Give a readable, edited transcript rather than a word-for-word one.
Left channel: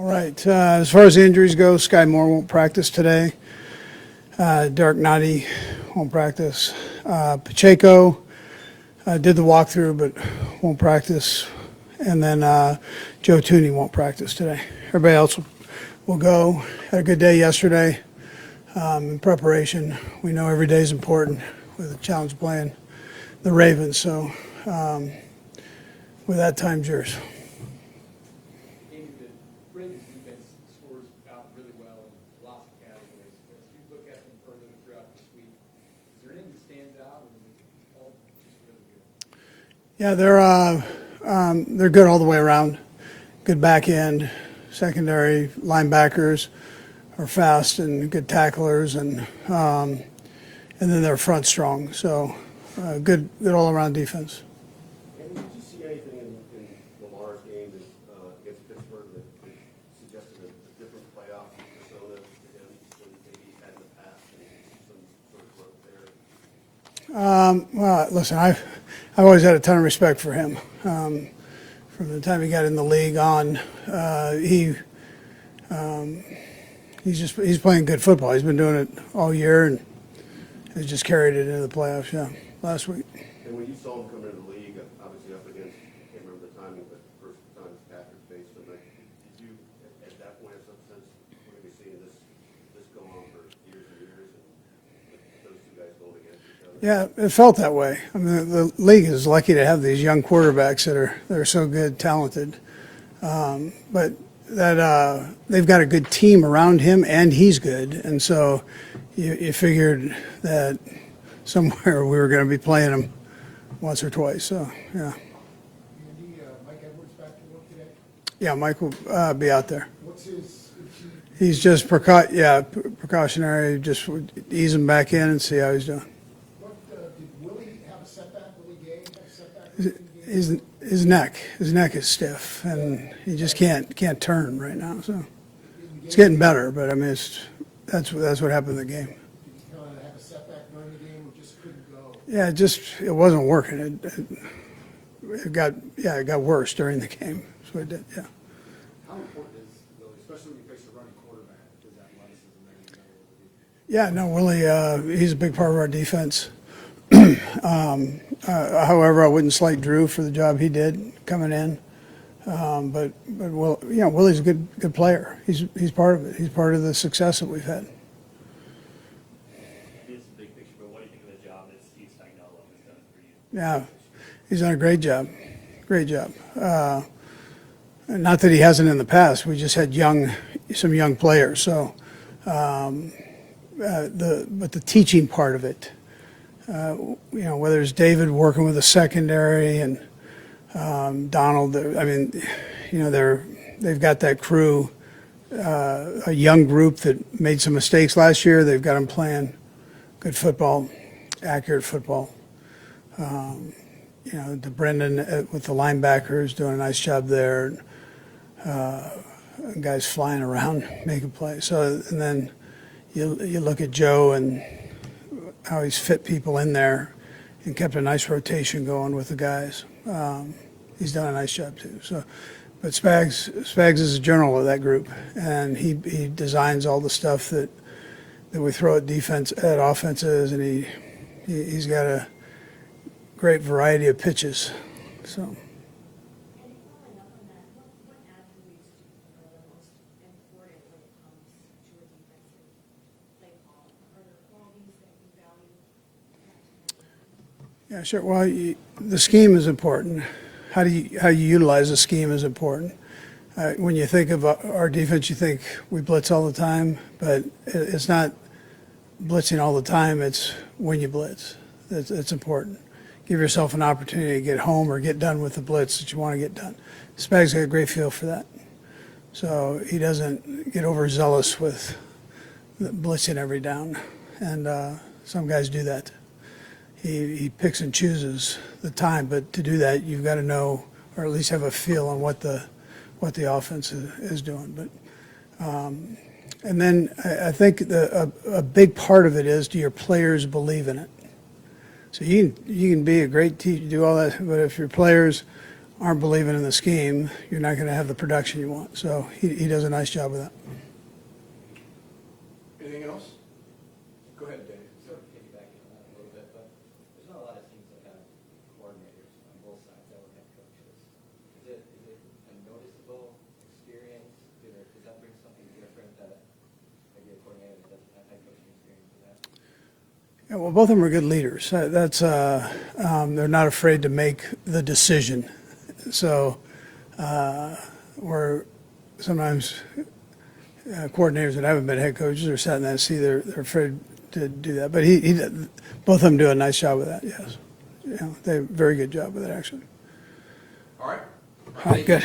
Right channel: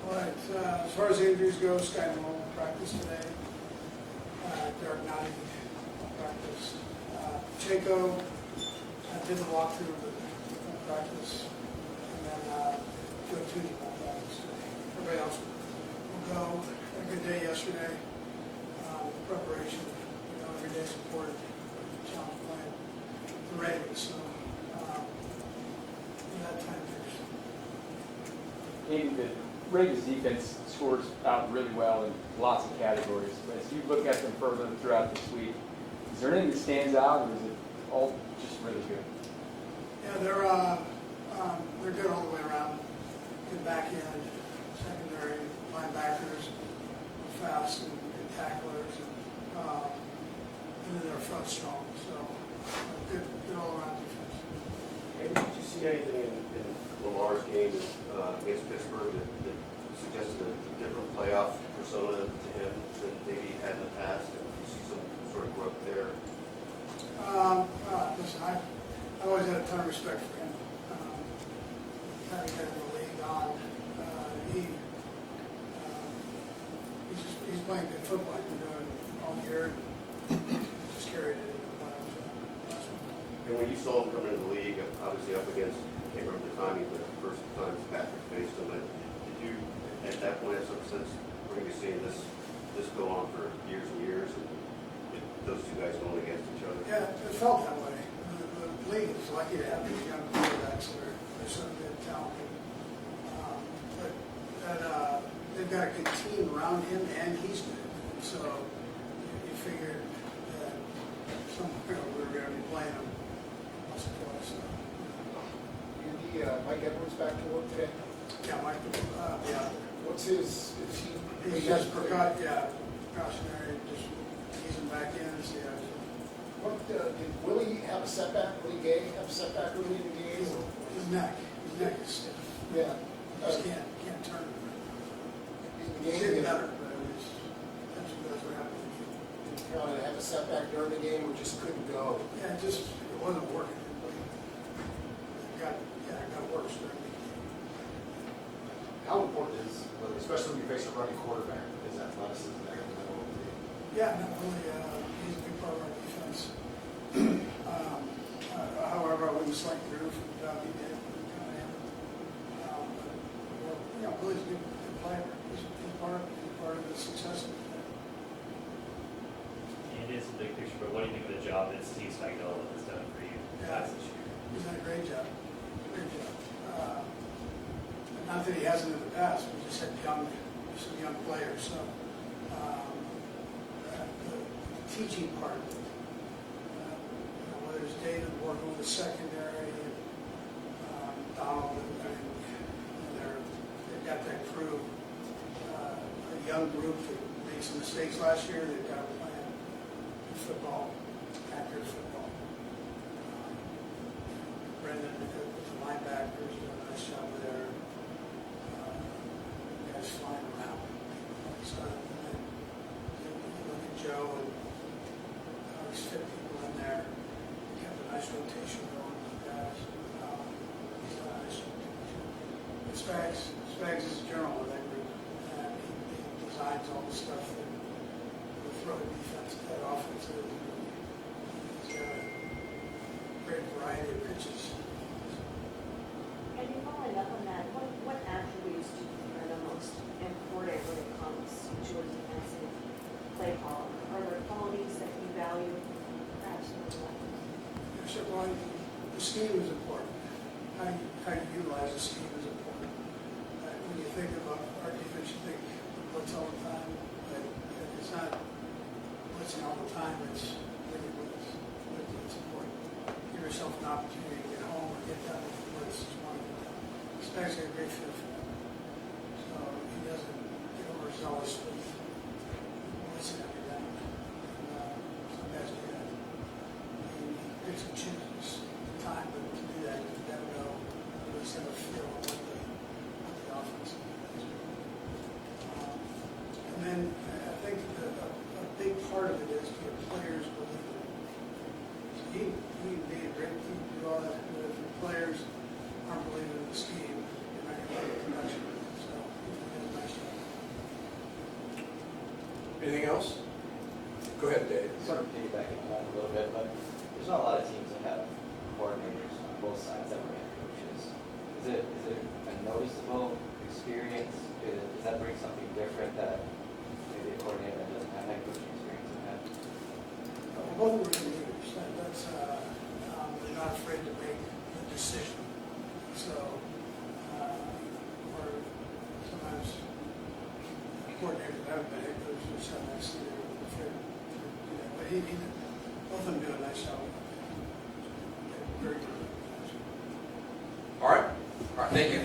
All right. As far as the injuries go, Sky Moore won't practice today. Derrick Nnadi won't practice. Pacheco did the walkthrough but won't practice. And then Joe Thuney won't practice today. Everybody else will go. Had a good day yesterday in preparation. We know every day is important with the challenge playing the Ravens. So with that, time's yours. Andy, the Ravens defense scores out really well in lots of categories. But as you look at them further throughout this week, is there anything that stands out, or is it all just really good? Yeah, they're good all the way around. Good back end, secondary, linebackers are fast and good tacklers, and then their front strong. So good all around defense. And did you see anything in Lamar's game against Pittsburgh that suggested a different playoff persona to him than maybe he had in the past? And do you see some sort of growth there? Well, listen, I've always had a ton of respect for him. From the time he got in the league on, he's playing good football. He's been doing it all year, and he's just carried it into the playoffs. Yeah, last week. And when you saw him come into the league, obviously up against, I can't remember the timing, but the first time Patrick faced him, did you at that point have some sense we're going to be seeing this go on for years and years, and those two guys going against each other? Yeah, it felt that way. I mean, the league is lucky to have these young quarterbacks that are so good, talented. But that they've got a good team around him, and he's good. And so you figured that somewhere we were going to be playing him once or twice. So, yeah. Andy, Mike Edwards back to work today? Yeah, Mike will be out there. What's his, He's just precautionary, just ease him back in and see how he's doing. did Willie have a setback? Willie Gay have a setback? Or anything? His neck is stiff, and he just can't turn right now. So it's getting better, but I mean, that's what happened in the game. Did he kind of have a setback during the game or just couldn't go? Yeah, it wasn't working. It got worse during the game. So it did, yeah. How important is, especially when you face a running quarterback, is athleticism there in the middle of the game? Yeah, no, Willie, he's a big part of our defense. However, I wouldn't slight Drew for the job he did coming in. But Willie's a good player. He's part of it. He's part of the success that we've had. It is a big picture, but what do you think of the job that Steve Seigel has done for you? Yeah, he's done a great job. Great job. Not that he hasn't in the past. We just had some young players. So, but the teaching part of it, whether it's David working with the secondary and Donald, I mean, they've got that crew, a young group that made some mistakes last year. They've got them playing good football, accurate football. Brendan with the linebackers doing a nice job there. Guys flying around making plays. So, and then you look at Joe and how he's fit people in there and kept a nice rotation going with the guys. He's done a nice job too. So, but Spags is a general of that group, and he designs all the stuff that we throw at offenses, and he's got a great variety of pitches. So. And you following up on that, what attributes do you think are the most important when it comes to your defensive play call? Are there qualities that you value perhaps in the left? Yeah, sure. Well, the scheme is important. How you utilize the scheme is important. When you think of our defense, you think we blitz all the time, but it's not blitzing all the time. It's when you blitz. It's important. Give yourself an opportunity to get home or get done with the blitz that you want to get done. Spags got a great feel for that. So he doesn't get overzealous with blitzing every down. And some guys do that. He picks and chooses the time, but to do that, you've got to know, or at least have a feel on what the offense is doing. But and then I think a big part of it is, do your players believe in it? So you can be a great teacher, do all that, but if your players aren't believing in the scheme, you're not going to have the production you want. So he does a nice job of that. Anything else? Go ahead, Dave. Sort of piggybacking on that a little bit, but there's not a lot of teams that have coordinators on both sides that were head coaches. Is it a noticeable experience? Does that bring something different that maybe a coordinator that doesn't have head coaching experience would have? Yeah, well, both of them are good leaders. They're not afraid to make the decision. So where sometimes coordinators that haven't been head coaches are sat in that seat, they're afraid to do that. But both of them do a nice job with that. Yes, yeah, they have a very good job with it actually. All right. All right, good.